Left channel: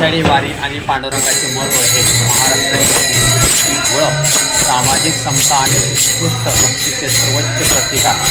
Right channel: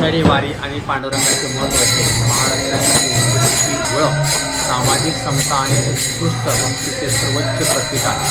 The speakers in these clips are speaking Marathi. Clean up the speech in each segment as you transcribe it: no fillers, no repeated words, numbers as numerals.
आषाढी वारी आणि पांडुरंगाचे महत्त्व हे महाराष्ट्राची ओळख, सामाजिक समता आणि उत्कृष्ट भक्तीचे सर्वोच्च प्रतीक आहे.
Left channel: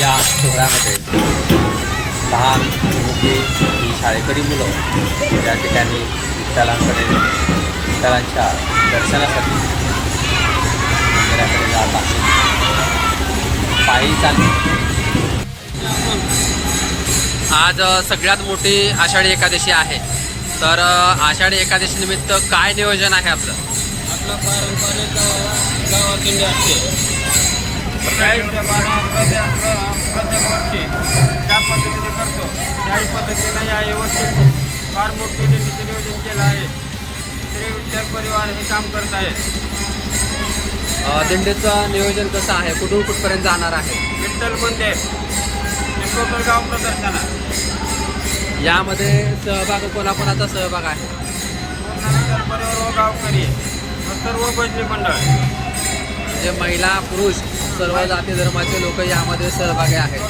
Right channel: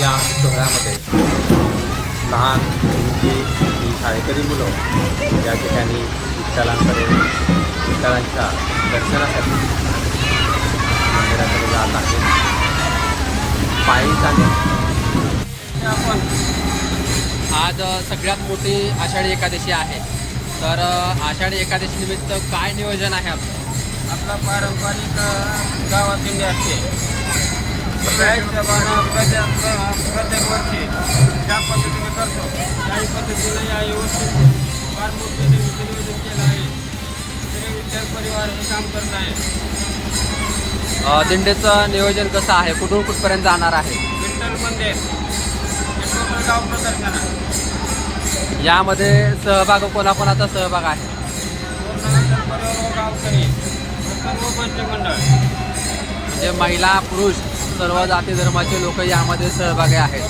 या सोहळ्यामध्ये लहान मोठी शाळेकरी मुलं या ठिकाणी विठ्ठलांच्या दर्शनासाठी मंदिराकडे जात आहेत. पायी चालली. आज सगळ्यात मोठी आषाढी एकादशी आहे. तर आषाढी एकादशी निमित्त काय नियोजन आहे आपलं? आपला पारंपरिक गावात दिंडी असते. प्रत्येक वर्षी त्या पद्धतीने करतो. त्याही पद्धतीनं या वर्षी फार मोठे दिंडीचं नियोजन केलं आहे. श्री विठ्ठल परिवार हे काम करत आहे. दिंडीचं नियोजन कसं आहे? कुठून कुठपर्यंत जाणार आहे? विठ्ठल मंदिर हे टोटल गाव प्रदर्शन आहे. यामध्ये सहभाग कोणाकोणाचा सहभाग आहे? पूर्ण विठ्ठल परिवार व गावकरी व सर्व भजनी मंडळ म्हणजे महिला पुरुष सर्व जाती धर्माचे लोक यामध्ये सहभागी आहेत.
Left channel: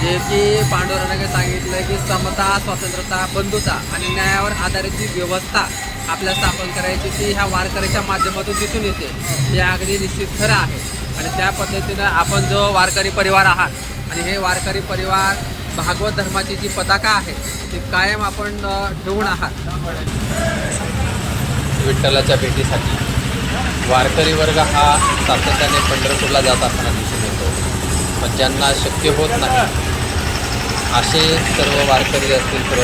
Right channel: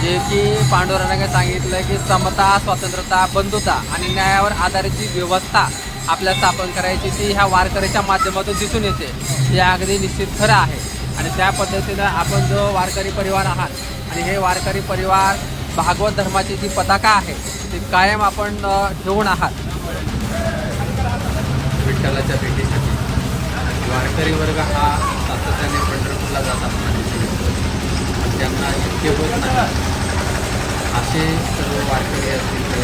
जे की पांडुरंगाने सांगितलं की समता, स्वतंत्रता, बंधुता आणि न्यायावर आधारित जी व्यवस्था आपल्या स्थापन करायची ती ह्या वारकऱ्याच्या माध्यमातून दिसून येते. हे अगदी निश्चित खरं आहे. आणि त्या पद्धतीनं आपण जो वारकरी परिवार आहात आणि हे वारकरी परिवार भागवत धर्माची जी पताका आहे ती कायम आपण ठेवून आहात. विठ्ठलाच्या भेटीसाठी वारकरी वर्ग हा सातत्याने पंढरपूरला जात असताना दिसून येतो. पण ज्यांना शक्य होत नाही असे सर्व वारकरी असतील सर्व